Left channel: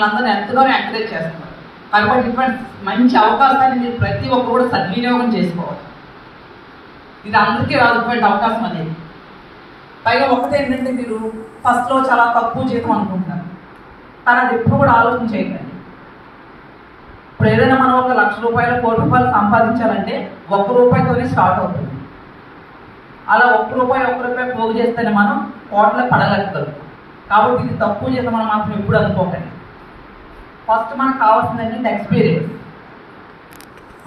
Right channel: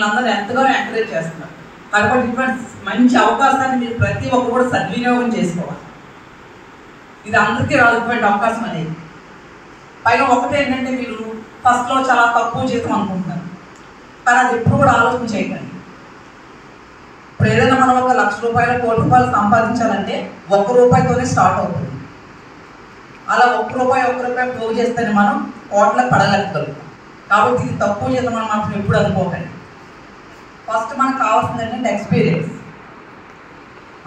మిమ్మల్ని అందరూ ఎంతగానో ఎంకరేజ్ చేస్తున్నారు. కాబట్టి ఇటువంటి మంచి అవకాశాన్ని మీరు ప్రతి ఒక్కరు కూడా సద్వినియోగం చేసుకోవాలి. ఇది అందరికీ రానటువంటి అవకాశం అనేది. పైగా ఒకటి ఏంటంటే, మీరు ఫస్ట్లో చాలా తక్కువ జీతం అనుకుంటున్నారు, కానీ అది ఎప్పుడు కూడా ఆలోచన చేయకండి. ఇప్పుడు ఏదైనా మనం ఒక 1,00,000 రూపాయలు, 1 కోటి రూపాయలు సంపాదించాలంటే 1 రూపాయితోనే స్టార్ట్ అవుతుంది. అలా 1 రూపాయి పోగు చేస్తేనే మనం కోట్లకు పడగలుగుతాం. కాబట్టి ఇది తక్కువ జీతం అని మాత్రం ఎప్పుడు అనుకోకండి. ఫస్ట్ మనకు కావాల్సింది ఏంటంటే ఎక్స్పీరియన్స్.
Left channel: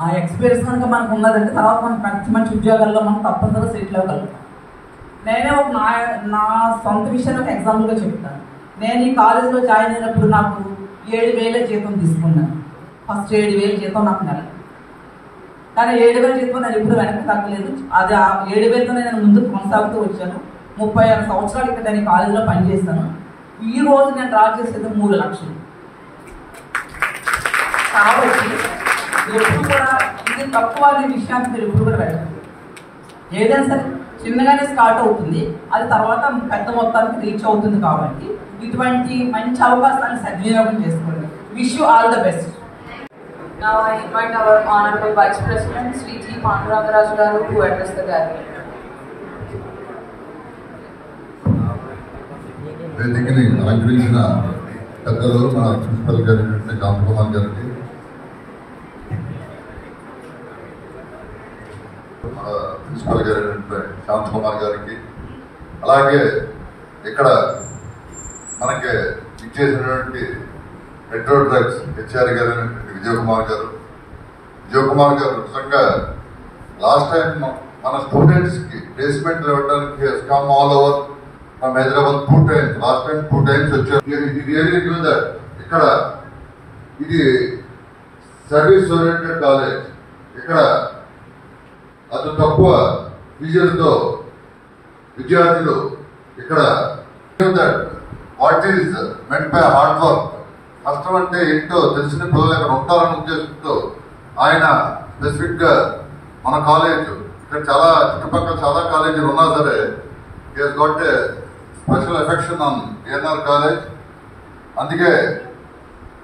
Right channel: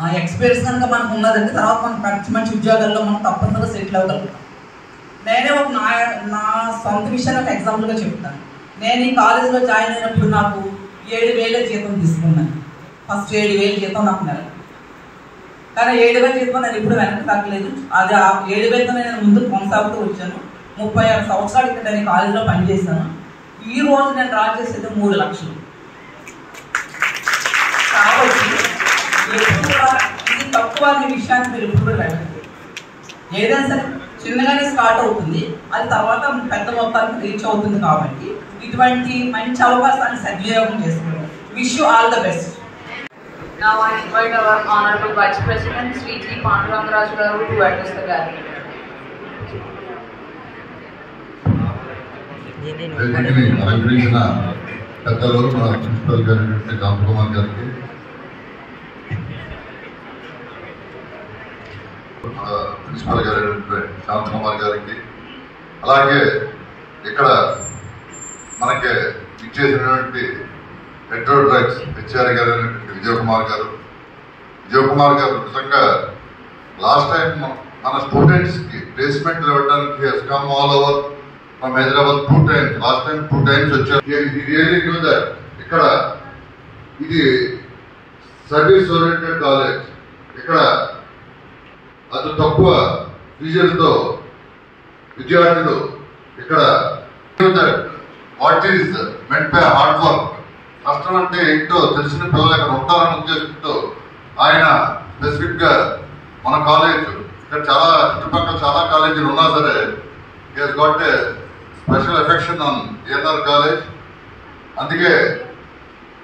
ఆ ఎక్స్పీరియన్స్ కనుక మనకు ఉన్నదంటే తర్వాత మనం మంచి మంచి ఉద్యోగాల్లో మనం తప్పనిసరిగా సెటిల్ అవ్వగలుగుతాం. నేనే ఒక నా సొంత విషయాన్ని ఒక ఎగ్జాంపుల్గా చెప్తాను. నేను ఈ కాలేజీలో జాయిన్ అయినప్పుడు నాకు 7,000 జీతం తీసుకున్నాను. ఫస్ట్ 7,000 జీతం నాకు నెల. కానీ 7,000 జీతం నేను ఇప్పుడు వెనక్కి తగ్గలేదు. అది ఆ 7,000తో నేను ముందుకు కొనసాగుతూ వచ్చాను. 36 సంవత్సరాలు ఇక్కడ నేను కాలేజీలో పనిచేశాను. ఈ రోజు నేను డ్రా చేసేది 3 లక్షలు. కాబట్టి ఎప్పుడు కూడా ఇది తక్కువ అనే విషయాన్ని మీరు ఎప్పుడు కూడా వెళ్ళండి. ఏదైనా సరే చిన్నగానే స్టార్ట్ అవుతుంది, అది తర్వాత పెద్ద మొత్తానికి రీచ్ అవుతుంది. కాబట్టి ఇటువంటి మంచి అవకాశాన్ని సద్వినియోగం చేసుకోండి. Wish you all the best. Now I invite our Honorable Vice President Sri T. Pandurangaraju garu to address the gathering. అలంకరించిన పెద్దలు మన ప్రిన్సిపల్ గారు రామకుమార్ గారికి, ప్రిన్సిపల్ గారు శాంతకుమార్ గారికి, అలాగే ఇక్కడ మనకి ఇచ్చేసినటువంటి హెట్రో డ్రగ్స్ హెచ్ఆర్ గారు అయినటువంటి విజయకుమార్ గారు నిజంగా లాస్ట్ టైం మన స్టూడెంట్స్కి ప్లేస్మెంట్లు ఇవ్వడానికి come all over from Hyderabad 2 times. Last time 2 times వచ్చారు. రియల్లీ న్యూ దట్ ఇక్కడ ఇది సర్వీస్ ఓరియంటెడ్ కాలేజ్. ఇక్కడ అతి తక్కువ ఫీజులతో విద్యార్థులు ఇక్కడ what is meant by hard work. కష్టం అంటే ఏంటో తెలిసిన పిల్లలు ఇక్కడ ఉంటారని ఉద్దేశంతో ఆయన స్పెసిఫిక్ గా మన కాలేజ్ ఇక్కడ చాలా చుట్టుపక్కల చాలా కాలేజీలు ఉన్నా సరే he got a special affection on ANR college. అందుకే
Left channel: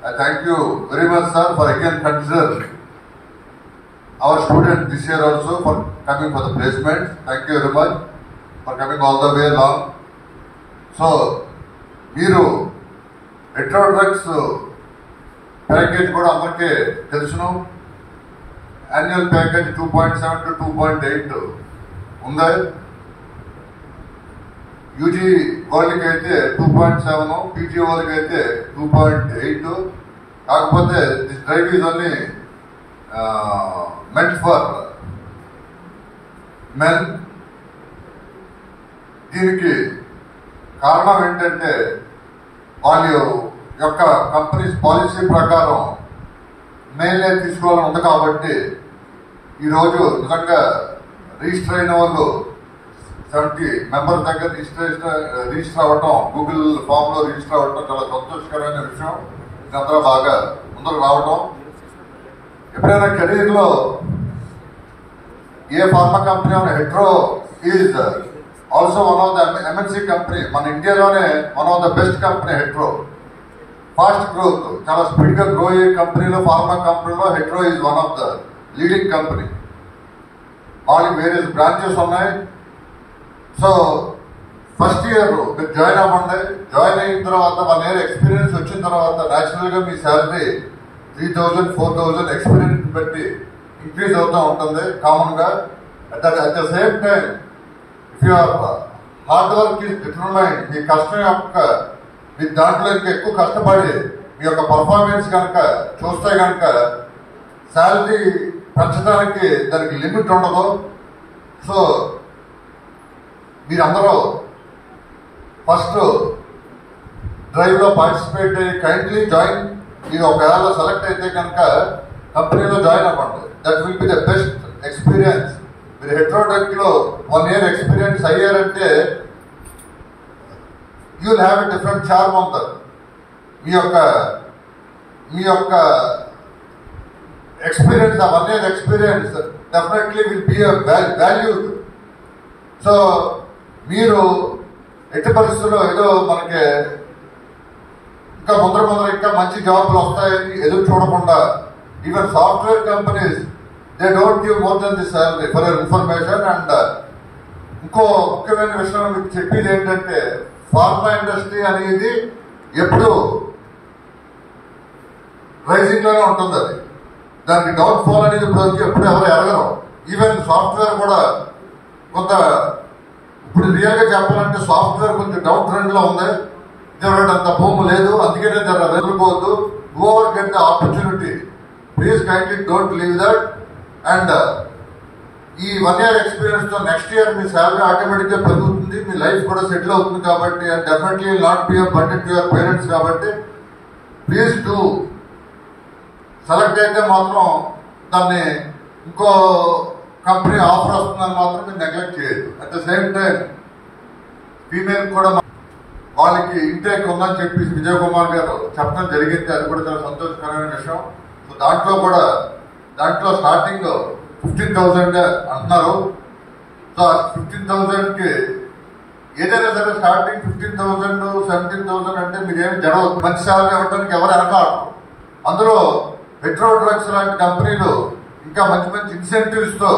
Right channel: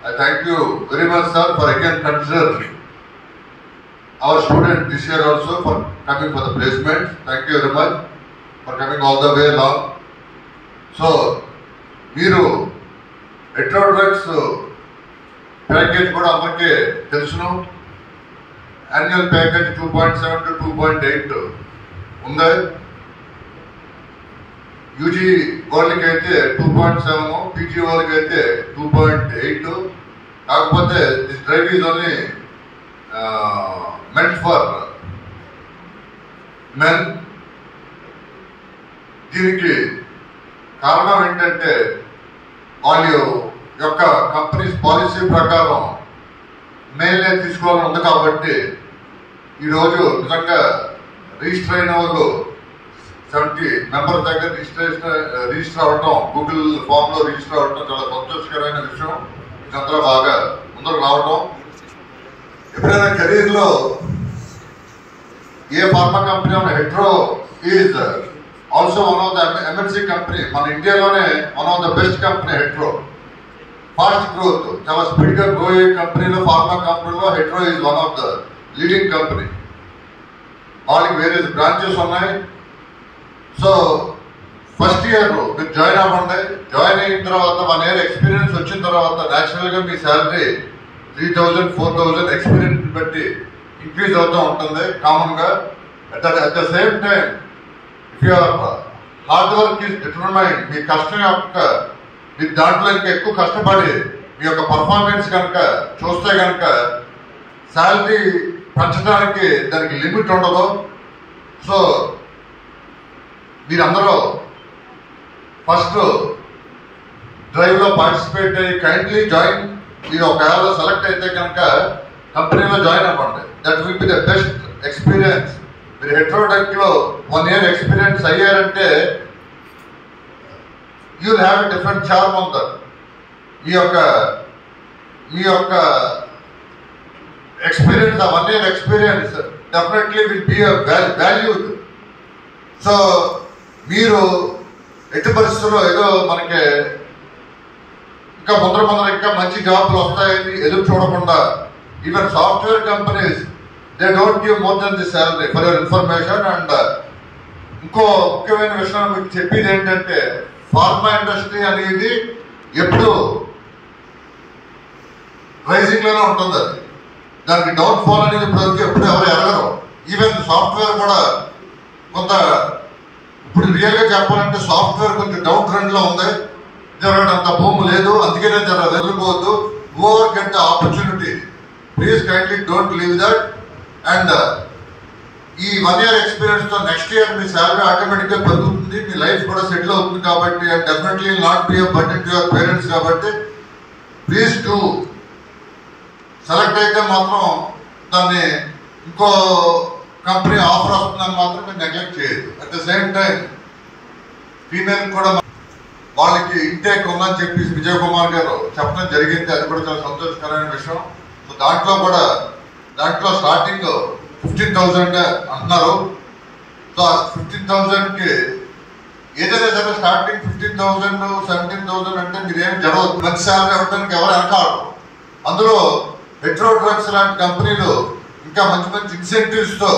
I thank you very much sir for again consider our student this year also for coming for the placement. Thank you very much for coming all the way long. So మీరు Hetero drugs package కూడా అందరికీ తెలుసును. Annual package 2.7 to 2.8 ఉంది. UG వాళ్ళకి అయితే 2.7, PG వాళ్ళకి అయితే 2.8. కాకపోతే this drive is only meant for men. దీనికి కారణం ఏంటంటే వాళ్ళ యొక్క కంపెనీస్ పాలసీ ప్రకారం మేలే తీసుకోవాలని ఉంది. కాబట్టి ఈరోజు నిజంగా రిజిస్టర్ అయిన వాళ్ళు 70 మెంబర్స్ దగ్గర రిజిస్టర్ అవ్వటం, గూగుల్ ఫామ్ లో రిజిస్టర్ అవ్వటం చాలా సంతోషకరమైన విషయం. ఇదంతా బాగా ముందుకు రావటం. ఎప్పుడైనా కెరీర్ లో a pharma company Hetero is also one of the MNC company. మన ఇండియాలోనే one of the best company Hetero. Fast growth, చాలా స్పీడ్ గా గ్రో అయ్యే కంపెనీలో, ఫార్మా కంపెనీలో Hetero is one of the leading company. వాళ్ళకి వేరే బ్రాంచెస్ ఉన్నాయి. సో ఫస్ట్ ఇయర్ మీరు జాయిన్ అవ్వండి. జాయిన్ అయిన తర్వాత 1 year ఎక్స్పీరియన్స్ వచ్చిన తర్వాత న్యాచురల్ గా మీ శాలరీ 3,000, 4,000 ఎక్స్పీరియన్స్ బట్టి ఇంక్రీజ్ అవుతూ ఉంటుంది కామన్ గా. At the same time if your hard work is determined, మీ కష్టం యొక్క మీరు దాంట్లో ఇంకా ఎక్కువ కష్టపడి మీ యొక్క పర్ఫార్మెన్స్ కనుక చూస్తే కనుక శాలరీ పెంచడానికి దానికి లిమిట్ ఉండదు. సో మీరందరూ ఫస్ట్ డ్రైవ్లో పార్టిసిపేట్ అయ్యి కైండ్లీ జాయిన్. మీరు ఒకవేళ సెలెక్ట్ అయితే కనుక కంపెనీలో జాయిన్ అవ్వండి. That will be the best experience. మీరు హెట్రోడెక్లో 1 year ఎక్స్పీరియన్స్ అయ్యారంటే you will have a different charm on that. మీ యొక్క ఎక్స్పీరియన్స్, ఆ 1 year experience definitely will be valued. So మీరు ఎట్టి పరిస్థితుల్లో ఏదో మనకి ఇంకా ముందర ఇంకా మంచి జాబ్లు వస్తాయని ఎదురు చూడకుండా even software companies they don't give more than the salary for your information. And ఇంకో ముఖ్యమైన విషయం మీకు చెప్పేది ఏంటంటే ఫార్మా ఇండస్ట్రీ అనేది ఎప్పుడు రైజింగ్ లోనే ఉంటుంది. అది దానికి డౌన్ ఫాల్ అనేది ఎప్పుడు ఎవరు ఎరగరు. ఈవెన్ సాఫ్ట్వేర్ కూడా కొంత ఇప్పుడు రియల్గా చెప్పాలంటే సాఫ్ట్వేర్ కొంచెం డౌన్ ట్రెండ్ లో ఉంది. అంత భూమి లేదు, అందుకనే వదులుకోవద్దు. Over get the opportunity, please kindly don't leave that. And ఈ 1 year ఎక్స్పీరియన్స్ తో నెక్స్ట్ ఇయర్ మీ శాలరీ ఆటోమేటిక్ గా పెరుగుతుంది, మీ లైఫ్ కూడా సెటిల్ అవుతుంది. కాబట్టి and definitely not be a burden to your parents. కాబట్టి ప్లీజ్ డూ సెలెక్ట్ అయితే మాత్రం దాన్ని ఇంకో కంపెనీ ఆఫర్ వస్తుందని మాత్రం మీరు నెగ్లెక్ట్ చేయదు. At the same time female కూడా వాళ్ళకి ఇంటేక్ ఉందని చెప్పి విజయ్ కుమార్ గారు చెప్పడం జరిగింది. అది కూడా చాలా సంతోషకరమైన విషయం. సో దాంట్లో స్టార్టింగ్ 15,000 అంటున్నారు. సో 15,000కి ఏదైనా సరే స్టార్టింగ్ 15,000 17,000 అంటే మీరేమి జరగదు. మంచి శాలరీ ఇవ్వడానికి ఎవరు వెనకాడు. అందులో హెట్రో డ్రగ్స్ లాంటి కంపెనీలు ఇంకా మంచి ఇన్సెంటివ్స్ తో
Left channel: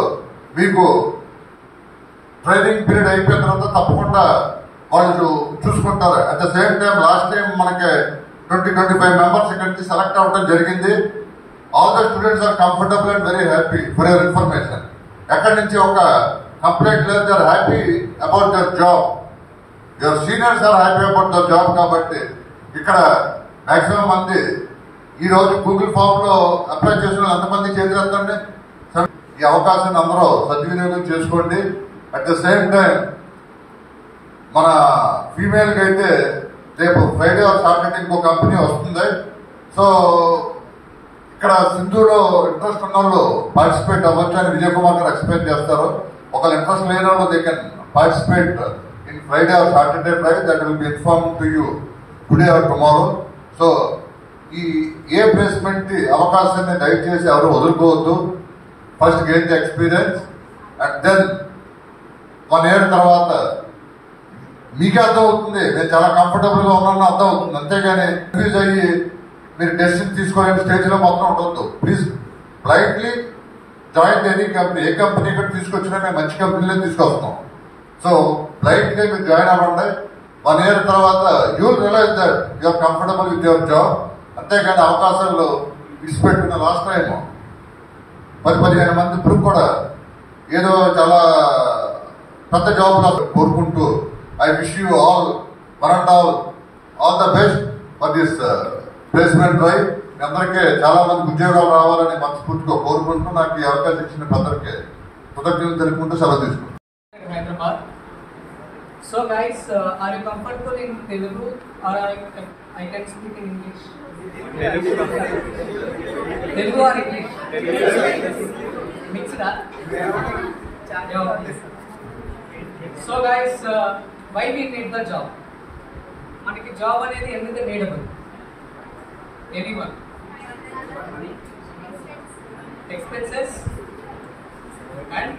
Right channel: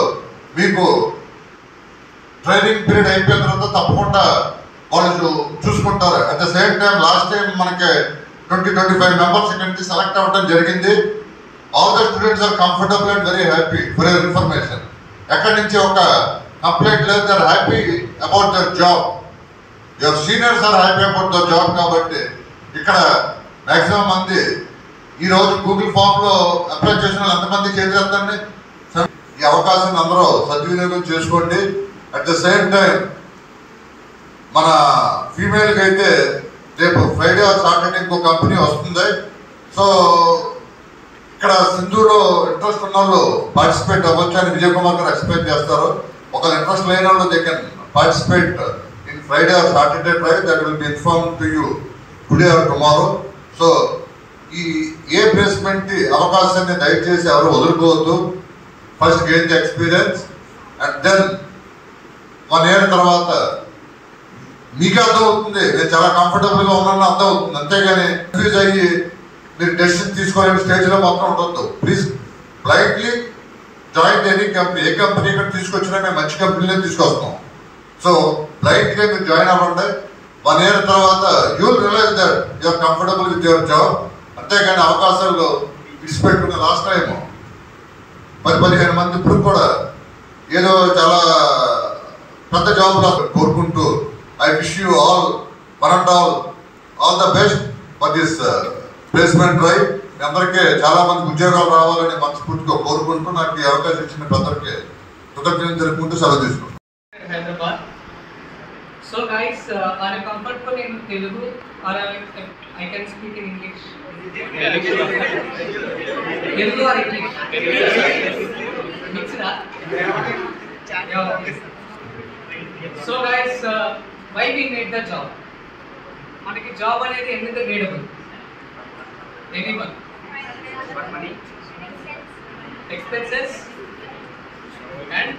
మీకు ట్రైనింగ్ పీరియడ్ అయిపోయిన తర్వాత తప్పకుండా వాళ్ళు చూసుకుంటారు. At the same time last time మనకి 20-25 మెంబర్స్ ఇక్కడి నుంచి సెలెక్ట్ అవ్వడం జరిగింది. All the students are comfortable and very happy for your information. ఎక్కడి నుంచి ఒక కంప్లైంట్ లేదు. They are happy about their job. Your seniors are happy about their job. కాబట్టి ఇక్కడ మాక్సిమం మంది ఈ రోజు గూగుల్ ఫామ్ లో అప్లై చేసిన వాళ్ళు ఎంతమంది చేతులెత్తండి. ఈ అవకాశాన్ని అందరూ సద్వినియోగం చేసుకోండి. అట్ ద సేమ్ టైం మన ఫీమేల్కి అయితే రేపు ఫ్రైడే ఆర్ సాటర్డే ఇంకో కంపెనీ వస్తుంది. సో ఇక్కడ సింధులో ఇంట్రెస్ట్ ఉన్న వాళ్ళు పార్టిసిపేట్ అవ్వచ్చు అని విజయ్ కుమార్ గారు ఎక్స్ప్లెయిన్ చేస్తారు. ఒకవేళ ఇంట్రెస్ట్ లేని వాళ్ళు they can participate in Friday or Saturday drive. That will be inform to you today or tomorrow. So ఈ ఏ ప్లేస్మెంట్ అవకాశాన్ని దయచేసి ఎవరు వదులుకోవద్దు. First gain the experience and then 1 year తర్వాత మీకే అర్థం అవుతుంది నేను చాలా కంఫర్టబుల్ గా ఉన్నాను అర్థం అవుతుంది. అంతేగాని కన్ఫ్యూజ్ అయ్యి మీరు డెసిషన్ తీసుకోవాలని స్టేజ్ లో మాత్రం ఉండొద్దు. Please blindly join any company. A company ఇక్కడ తీసుకొచ్చినా మేము మంచి కంపెనీలో తీసుకొస్తాం. సో బ్లైండ్ గా మీరు జాయిన్ అవ్వండి. 1 year తర్వాత you will realise that you are comfortable with your job. అంతేగాని అవకాశాలు విడిచిపెట్టుకున్న లాస్ట్ టైం 10-15 మంది ఇప్పుడు కూడా ఏదో చాలా పెద్ద జాబ్లో కోరుకుంటూ I wish you all all the best for this placement drive. అందరికీ చాలా మంది ఉద్యోగాలు రావాలని మనస్ఫూర్తిగా కోరుకుంటూ నాకు ఈ అవకాశం ఇచ్చిన పెద్దలకి కృతజ్ఞతలు తెలుపుకుంటూ సెలవు తీసుకుంటాను. Hyderabad. So guys, are you comfortable in Telugu or I can speak in English? Telugu or English? Mixed up. So guys, why we need the job? మనకి జాబ్ అనేది ఎందుకు నీడబుల్? Anyone? Money, expenses and